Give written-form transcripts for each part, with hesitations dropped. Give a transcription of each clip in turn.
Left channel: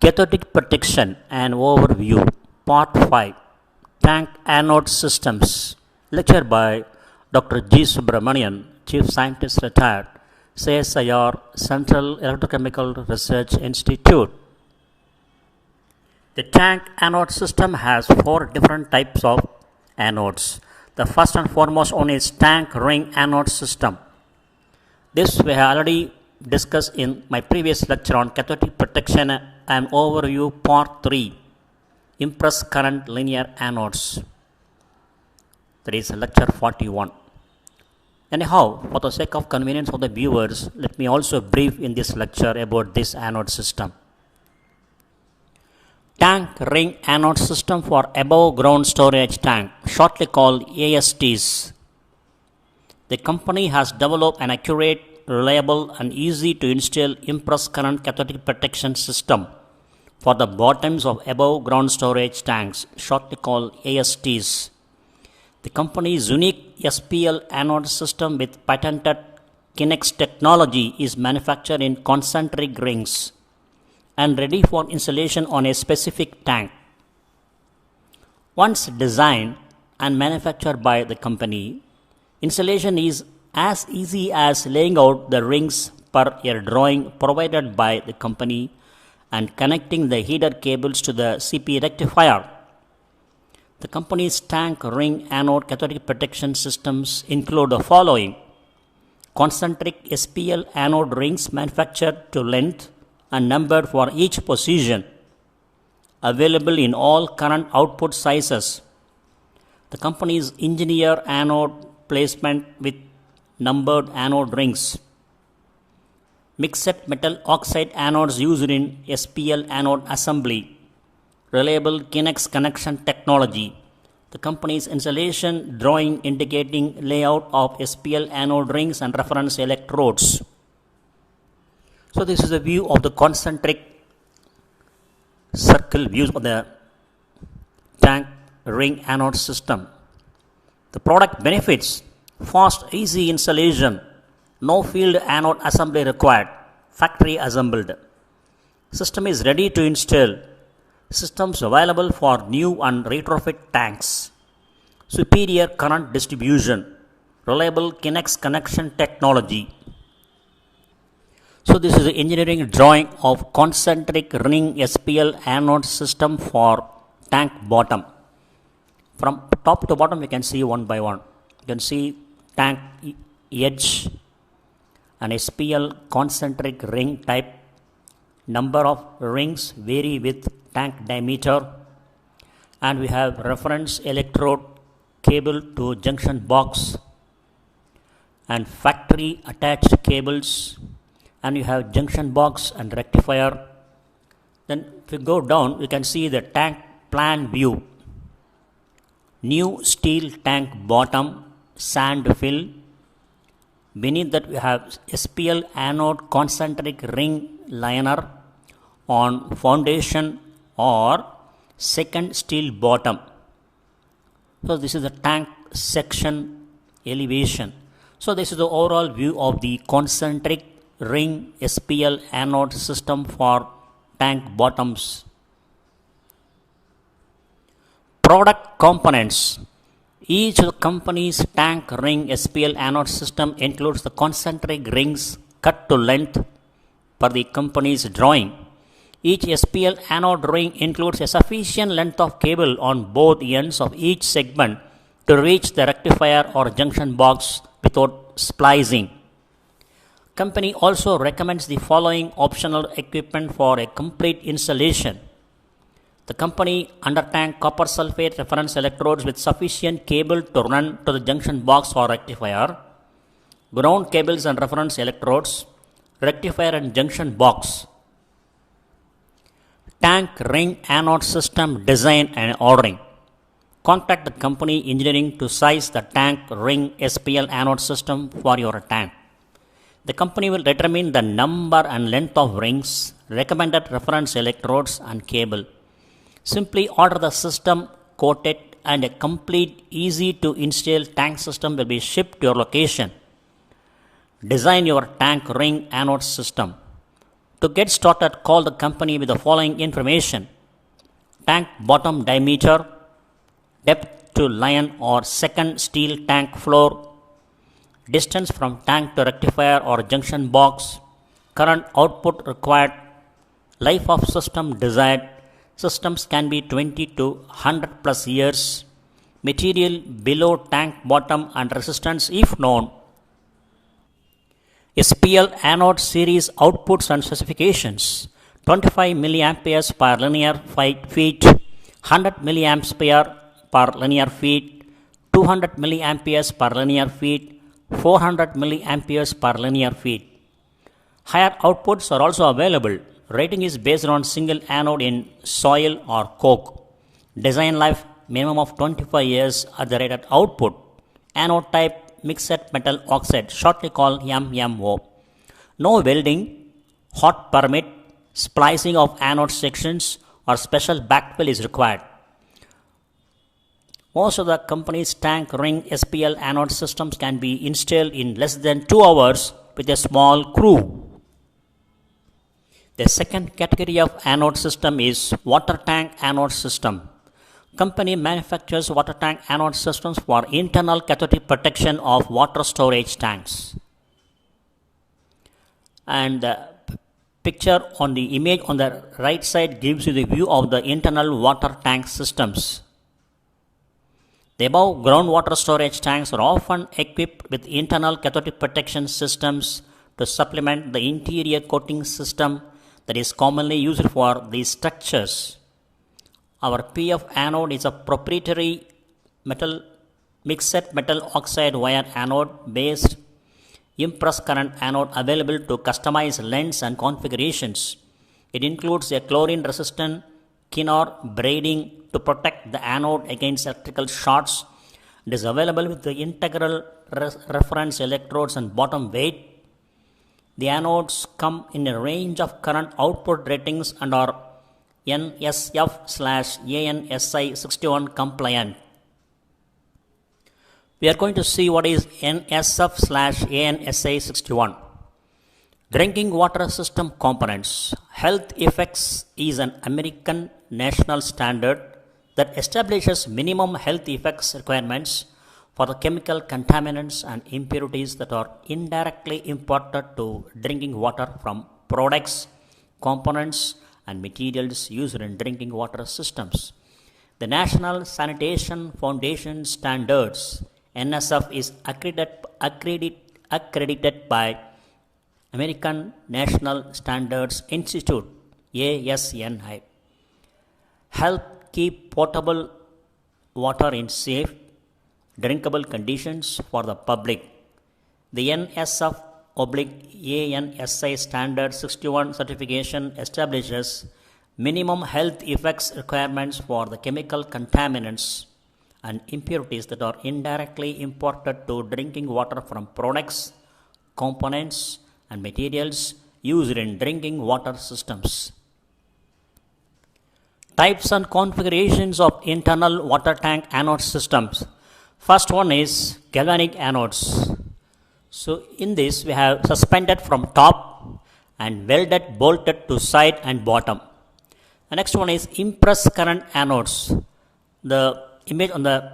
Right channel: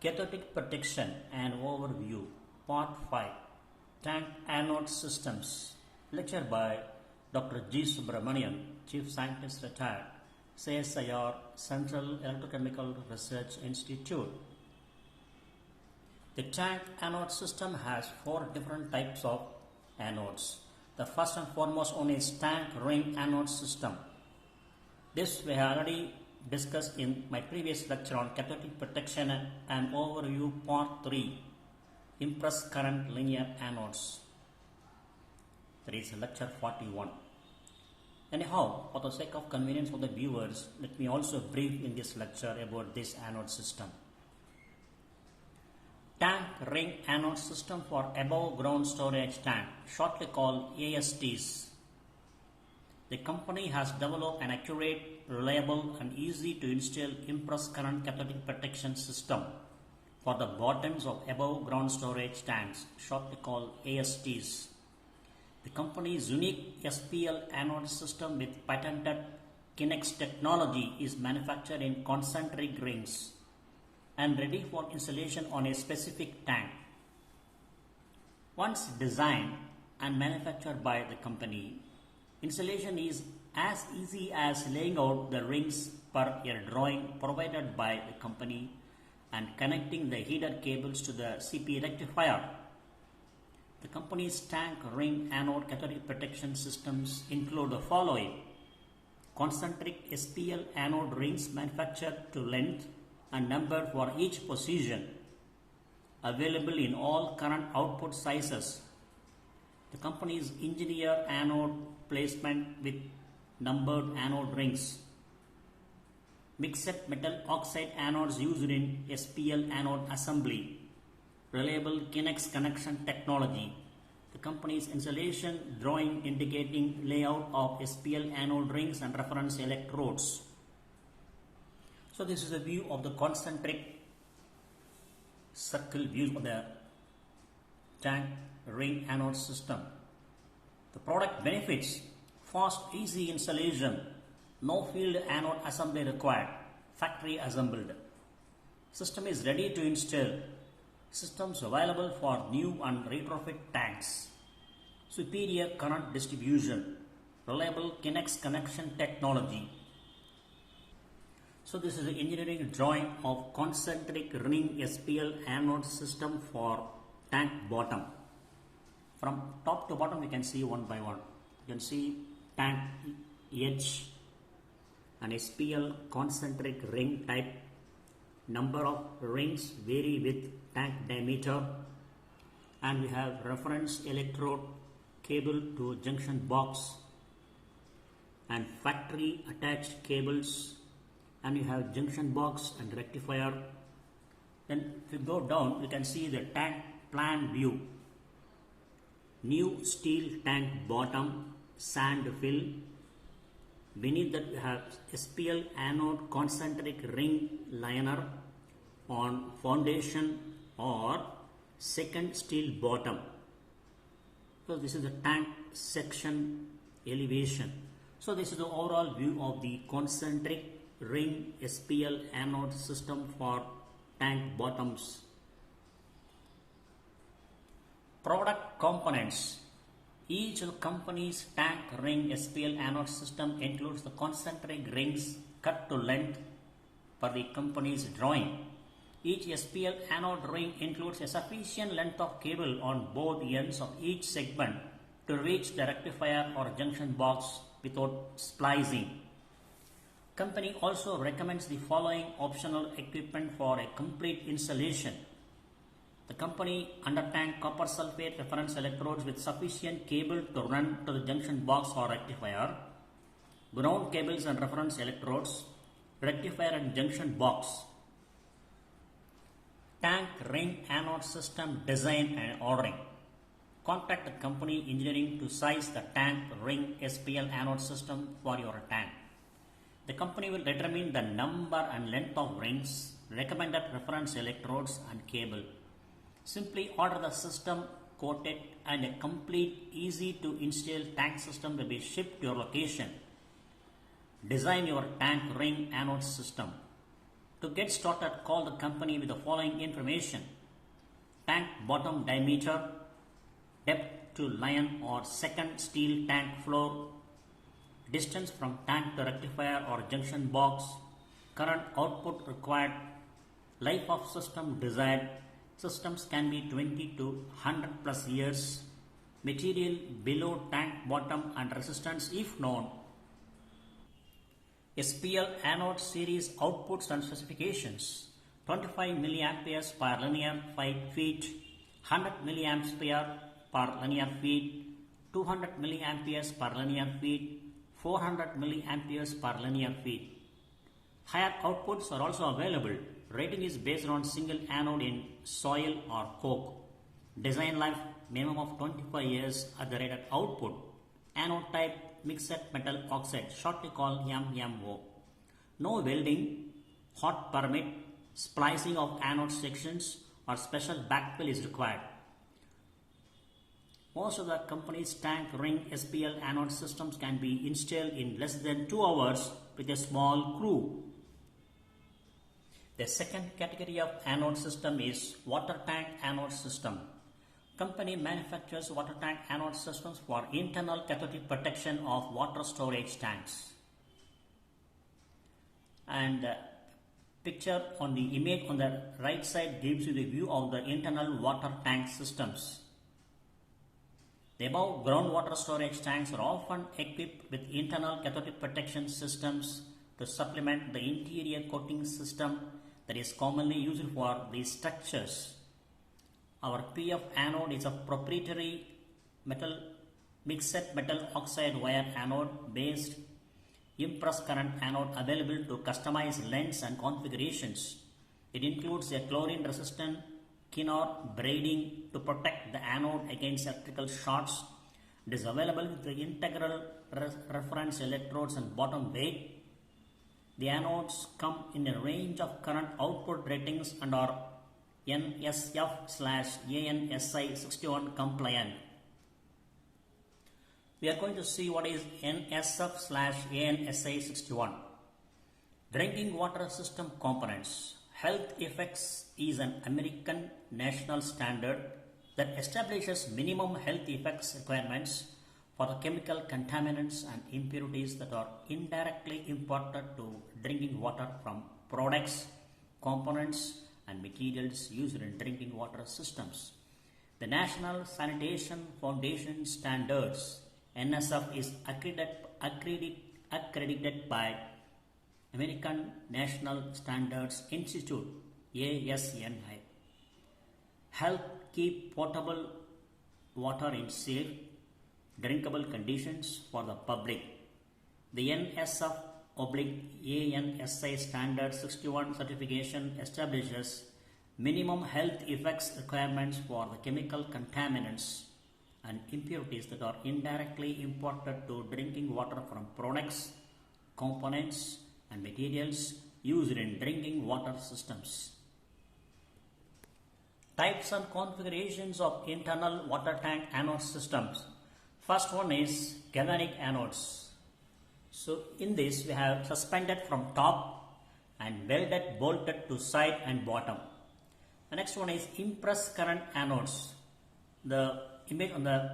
Cathodic Protection and Overview, Part 5, Tank Anode Systems, lecture by Dr.G.Subramanian, Chief Scientist Retired, CSIR, Central Electrochemical Research Institute. The tank anode system has 4 different types of anodes. The first and foremost one is tank ring anode system. This we have already discussed in my previous lecture on cathodic protection and overview part 3, impress current linear anodes. That is lecture 41. Anyhow, for the sake of convenience of the viewers, let me also brief in this lecture about this anode system. Tank ring anode system for above ground storage tank, shortly called ASTs. The company has developed an accurate, reliable and easy to install impress current cathodic protection system for the bottoms of above ground storage tanks, shortly called ASTs. The company's unique SPL anode system with patented Kinex technology is manufactured in concentric rings and ready for installation on a specific tank. Once designed and manufactured by the company, installation is as easy as laying out the rings per a drawing provided by the company and connecting the heater cables to the CP rectifier. The company's tank ring anode cathodic protection systems include the following: concentric SPL anode rings manufactured to length and numbered for each position, available in all current output sizes. The company's engineered anode placement with numbered anode rings. Mixed metal oxide anodes used in SPL anode assembly. Reliable Kinex connection technology. The company's installation drawing indicating layout of SPL anode rings and reference electrodes. So this is a view of the concentric circle views of the tank ring anode system. The product benefits: fast, easy installation, no field anode assembly required, factory assembled. System is ready to install. Systems available for new and retrofit tanks. Superior current distribution, reliable Kinex connection technology. So this is the engineering drawing of concentric ring SPL anode system for tank bottom. From top to bottom you can see one by one. You can see tank edge and SPL concentric ring type. Number of rings vary with tank diameter, and we have reference electrode cable to junction box and factory attached cables, and you have junction box and rectifier. Then if you go down you can see the tank plan view. New steel tank bottom, sand fill. Beneath that we have SPL anode concentric ring liner on foundation or second steel bottom. So this is the tank section elevation. So this is the overall view of the concentric ring SPL anode system for tank bottoms. Product components. Each of the company's tank ring SPL anode system includes the concentric rings cut to length per the company's drawing. Each SPL anode ring includes a sufficient length of cable on both ends of each segment to reach the rectifier or junction box without splicing. Company also recommends the following optional equipment for a complete installation. The company under tank copper sulfate reference electrodes with sufficient cable to run to the junction box or rectifier, ground cables and reference electrodes, rectifier and junction box. Tank ring anode system design and ordering. Contact the company engineering to size the tank ring SPL anode system for your tank. The company will determine the number and length of rings, recommended reference electrodes and cable. Simply order the system quoted and a complete, easy to install tank system will be shipped to your location. Design your tank ring anode system. To get started, call the company with the following information: tank bottom diameter, depth to line or second steel tank floor, distance from tank to rectifier or junction box, current output required, life of system desired. Systems can be 20 to 100 plus years. Material below tank bottom and resistance if known. SPL anode series outputs and specifications: 25 milliamperes per linear feet, 100 milliamps per linear feet, 200 milliamperes per linear feet, 400 milliamperes per linear feet. Higher outputs are also available. Rating is based on single anode in soil or coke. Design life minimum of 25 years at the rated output. Anode type mixed metal oxide, shortly called MMO. No welding, hot permit, splicing of anode sections or special backfill is required. Most of the company's tank ring SPL anode systems can be installed in less than 2 hours with a small crew. The second category of anode system is water tank anode system. Company manufactures water tank anode systems for internal cathodic protection of water storage tanks. And the picture on the image on the right side gives you the view of the internal water tank systems. The above groundwater storage tanks are often equipped with internal cathodic protection systems to supplement the interior coating system that is commonly used for these structures. Our PF anode is a proprietary mixed metal oxide wire anode based impressed current anode available to customize lengths and configurations. It includes a chlorine resistant Kinor braiding to protect the anode against electrical shorts. It is available with the integral reference electrodes and bottom weight. The anodes come in a range of current output ratings and are NSF/ANSI 61 compliant. We are going to see what is NSF/ANSI 61. Drinking water system components. Health Effects is an American national standard that establishes minimum health effects requirements for the chemical contaminants and impurities that are indirectly imported to drinking water from products, components, and materials used in drinking water systems. The National Sanitation Foundation Standards NSF is accredited by American National Standards Institute ASNI. Help keep potable water in safe, drinkable conditions for the public. The NSF/ANSI Standard 61 certification establishes minimum health effects requirements for the chemical contaminants and impurities that are indirectly imported to drinking water from products, components, and materials used in drinking water systems. Types and configurations of internal water tank anode systems. First one is galvanic anodes. So in this we have suspended from top and welded bolted to side and bottom. The next one is impressed current anodes. The image on the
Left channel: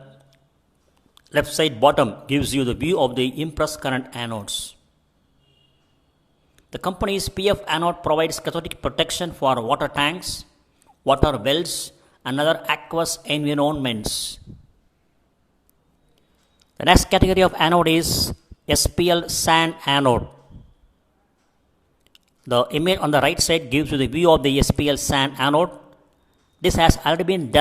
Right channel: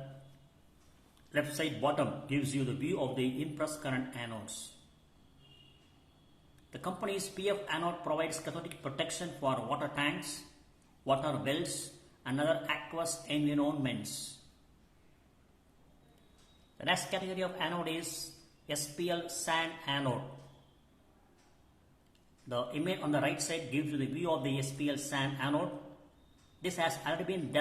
left side bottom gives you the view of the impressed current anodes. The company's PF anode provides cathodic protection for water tanks, water wells, and other aqueous environments. The next category of anode is SPL sand anode. The image on the right side gives you the view of the SPL sand anode. This has already been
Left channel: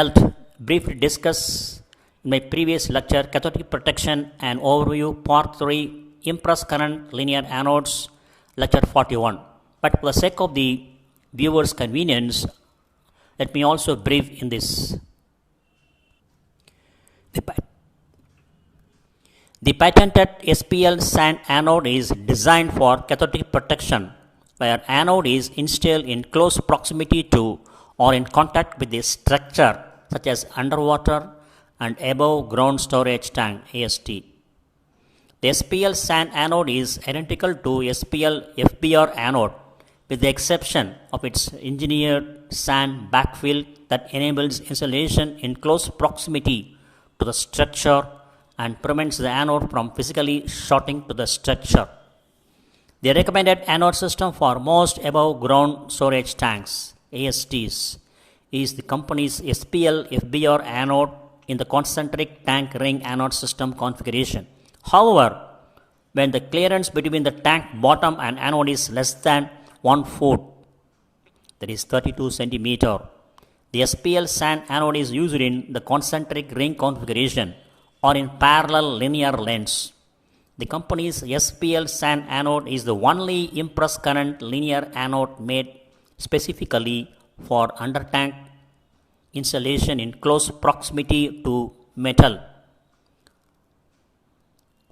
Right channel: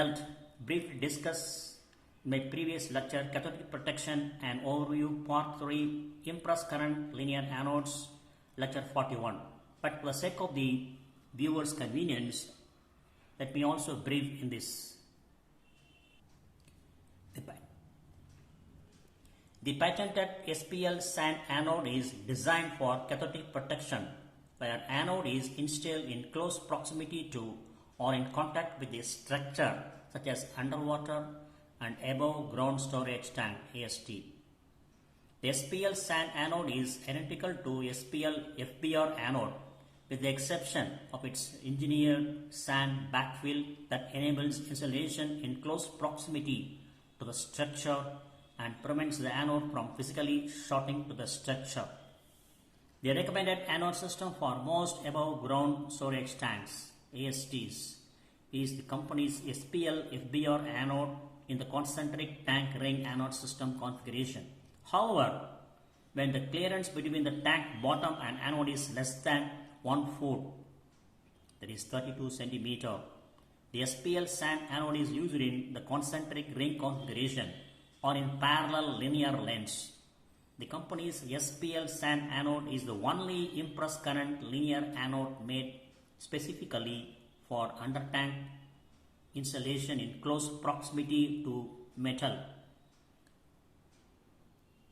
briefly discussed in my previous lecture, Cathodic Protection and Overview, Part 3, Impressed Current Linear Anodes, Lecture 41. But for the sake of the viewer's convenience, let me also brief in this. The patented SPL sand anode is designed for cathodic protection, where anode is installed in close proximity to or in contact with a structure such as underwater and above ground storage tank AST. The SPL sand anode is identical to SPL FBR anode with the exception of its engineered sand backfill that enables installation in close proximity to the structure and prevents the anode from physically shorting to the structure. The recommended anode system for most above ground storage tanks, ASTs, is the company's SPL FBR anode in the concentric tank ring anode system configuration. However, when the clearance between the tank bottom and anode is less than 1 foot, that is 32 centimeter, the SPL sand anode is used in the concentric ring configuration or in parallel linear lengths. The company's SPL sand anode is the only impress current linear anode made specifically for under tank installation in close proximity to metal.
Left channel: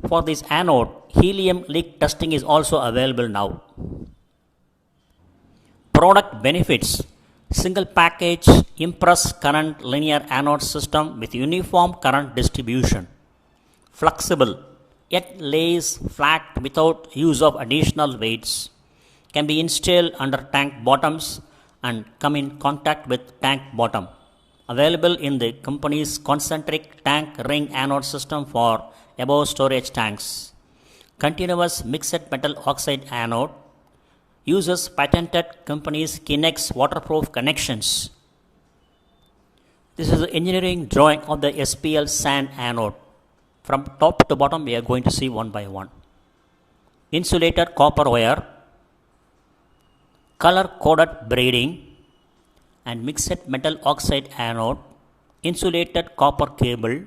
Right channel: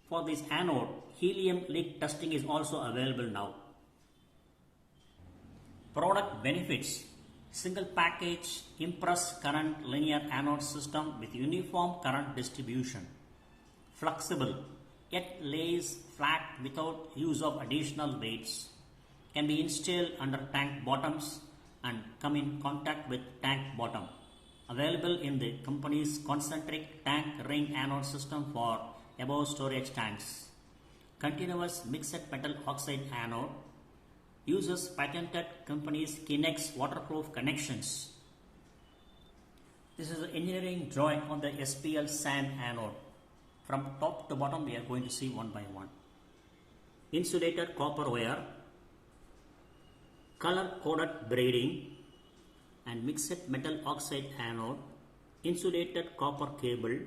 For this anode, helium leak testing is also available now. Product benefits: single package impress current linear anode system with uniform current distribution. Flexible, yet lays flat without use of additional weights. Can be installed under tank bottoms and come in contact with tank bottom. Available in the company's concentric tank ring anode system for above storage tanks. Continuous mixed metal oxide anode uses patented company's Kinex waterproof connections. This is the engineering drawing of the SPL sand anode. From top to bottom we are going to see one by one. Insulated copper wire, color coded braiding and mixed metal oxide anode, insulated copper cable,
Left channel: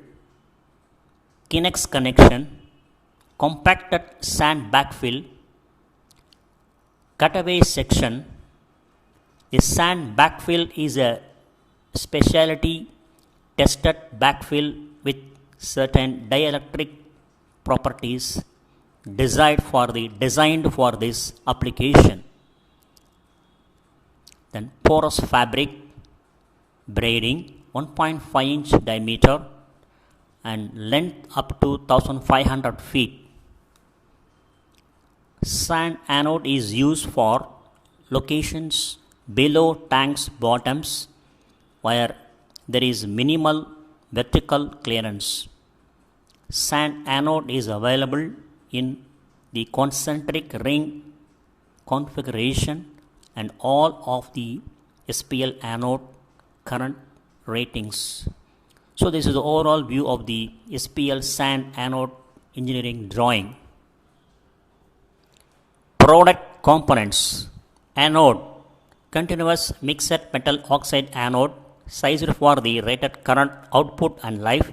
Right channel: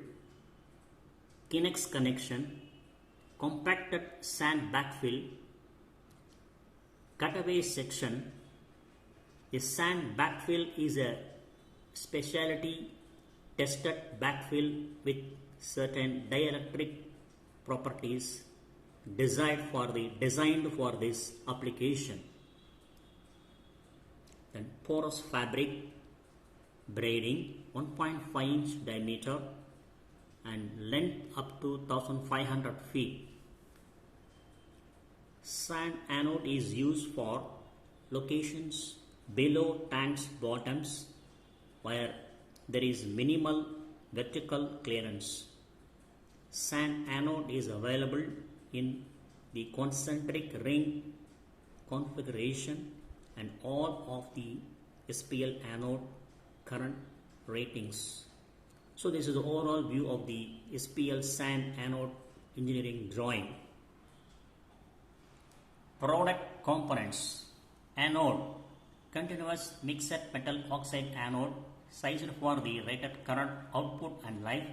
Kinex connection, compacted sand backfill, cutaway section. The sand backfill is a specialty tested backfill with certain dielectric properties designed for this application. Then porous fabric, braiding, 1.5 inch diameter and length up to 1500 feet. Sand anode is used for locations below tanks bottoms where there is minimal vertical clearance. Sand anode is available in the concentric ring configuration and all of the SPL anode current ratings. So this is the overall view of the SPL sand anode engineering drawing. Product components: anode, continuous mixed metal oxide anode sized for the rated current output and life.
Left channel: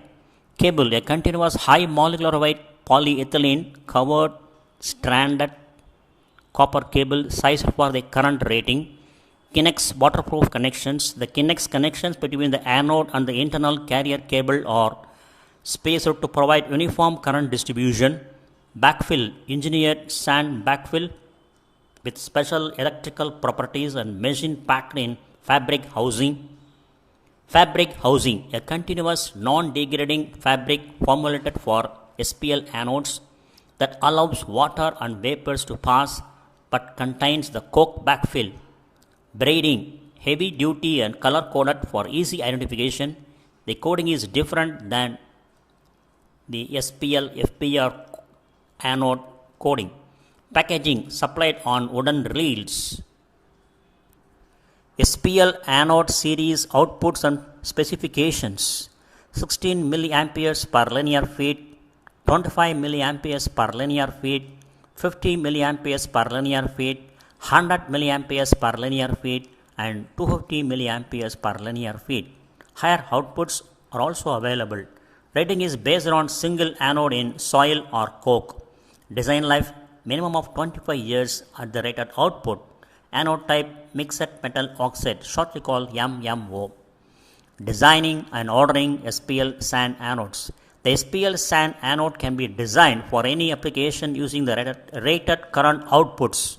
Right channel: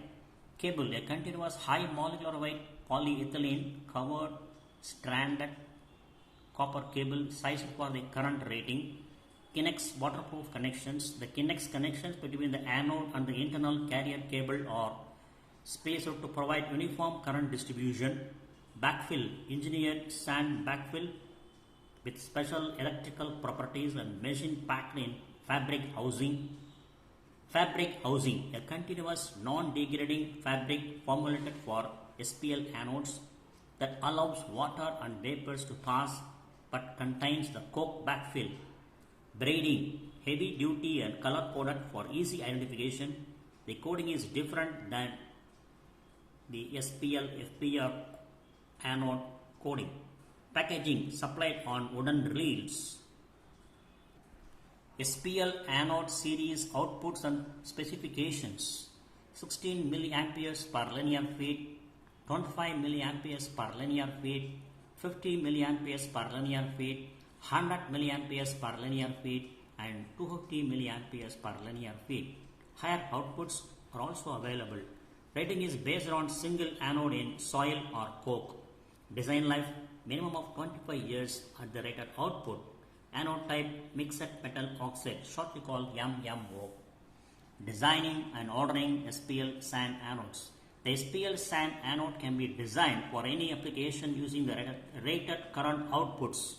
Cable, a continuous high molecular weight polyethylene covered stranded copper cable sized for the current rating. Kinex waterproof connections. The Kinex connections between the anode and the internal carrier cable are spaced to provide uniform current distribution. Backfill, engineered sand backfill with special electrical properties and machine packed in fabric housing. Fabric housing, a continuous non-degrading fabric formulated for SPL anodes that allows water and vapors to pass but contains the coke backfill. Braiding, heavy duty and color coded for easy identification. The coding is different than the SPL FBR anode coding. Packaging, supplied on wooden reels. SPL anode series outputs and specifications: 16 milliamperes per linear feet, 25 milliamperes per linear feet, 50 milliamperes per linear feet, 100 milliamperes per linear feet and 250 milliamperes per linear feet. Higher outputs are also available. Rating is based on single anode in soil or coke. Design life minimum of 25 years at the rated output. Anode type mixed metal oxide, shortly called MMO. Designing and ordering SPL sand anodes. The SPL sand anode can be designed for any application using the rated current outputs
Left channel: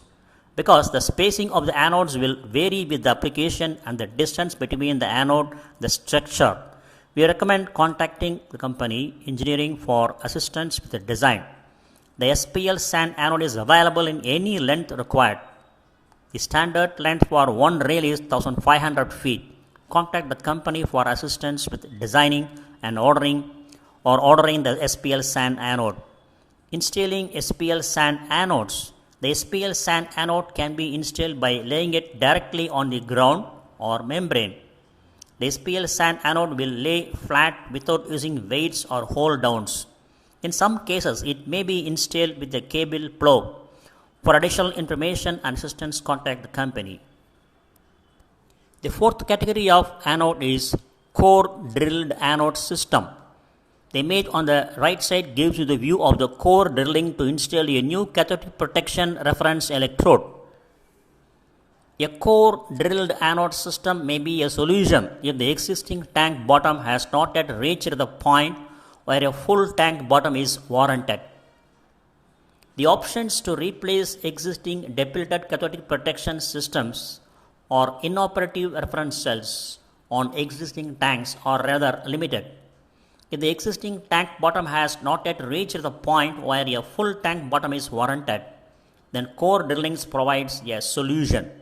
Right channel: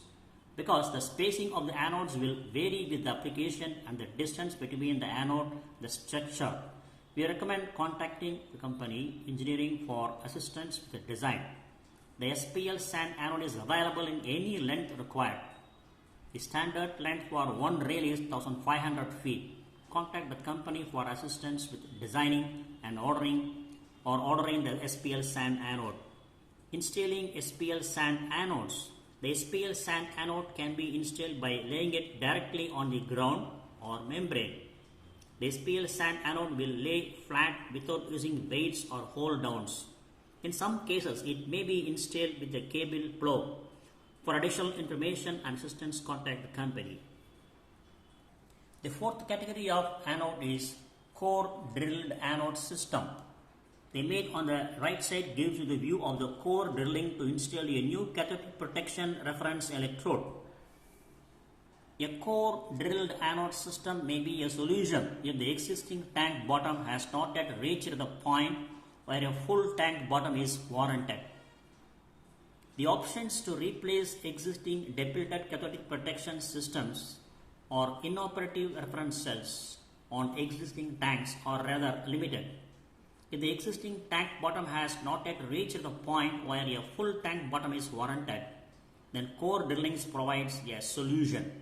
because the spacing of the anodes will vary with the application and the distance between the anode and the structure. We recommend contacting the company engineering for assistance with the design. The SPL sand anode is available in any length required. The standard length for one rail is 1500 feet. Contact the company for assistance with designing and ordering the SPL sand anode. Installing SPL sand anodes. The SPL sand anode can be installed by laying it directly on the ground or membrane. The SPL sand anode will lay flat without using weights or hold downs. In some cases, it may be installed with a cable plow. For additional information and assistance, contact the company. The fourth category of anode is core drilled anode system. The image on the right side gives you the view of the core drilling to install a new cathodic protection reference electrode. A core drilled anode system may be a solution if the existing tank bottom has not yet reached the point where a full tank bottom is warranted. The options to replace existing depleted cathodic protection systems or inoperative reference cells on existing tanks are rather limited. If the existing tank bottom has not yet reached the point where a full tank bottom is warranted, then core drilling provides a solution.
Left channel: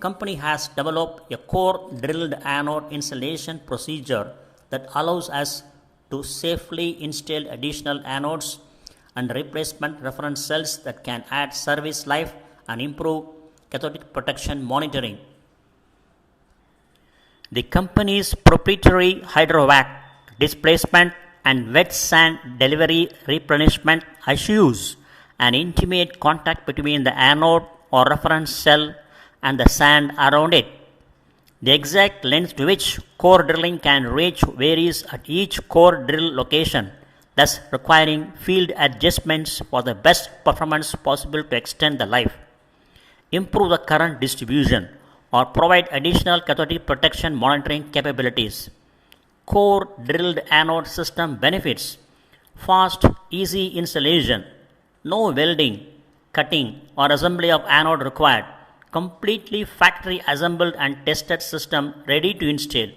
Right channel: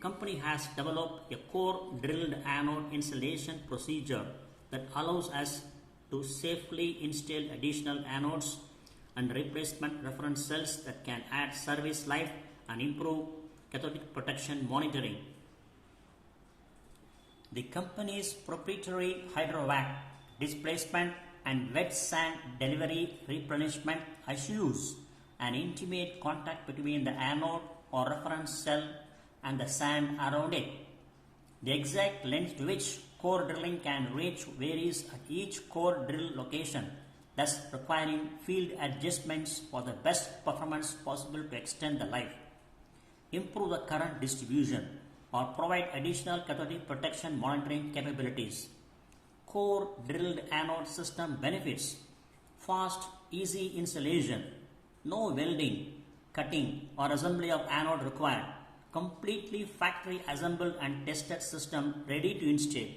Company has developed a core drilled anode installation procedure that allows us to safely install additional anodes and replacement reference cells that can add service life and improve cathodic protection monitoring. The company's proprietary hydrovac displacement and wet sand delivery replenishment assures an intimate contact between the anode or reference cell and the sand around it. The exact length to which core drilling can reach varies at each core drill location, thus requiring field adjustments for the best performance possible to extend the life, improve the current distribution, or provide additional cathodic protection monitoring capabilities. Core drilled anode system benefits: fast, easy installation, no welding, cutting, or assembly of anode required, completely factory assembled and tested system ready to install.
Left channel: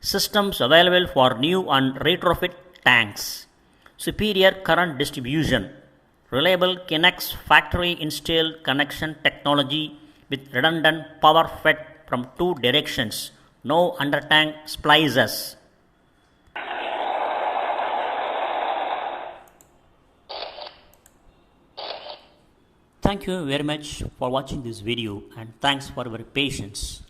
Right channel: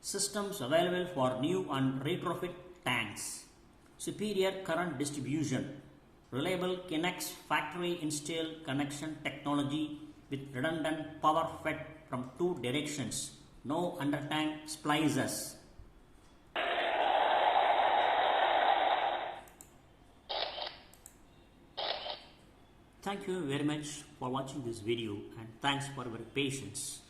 Systems available for new and retrofit tanks. Superior current distribution. Reliable Kinex factory installed connection technology with redundant power fed from two directions. No under-tank splices. Thank you very much for watching this video and thanks for your patience.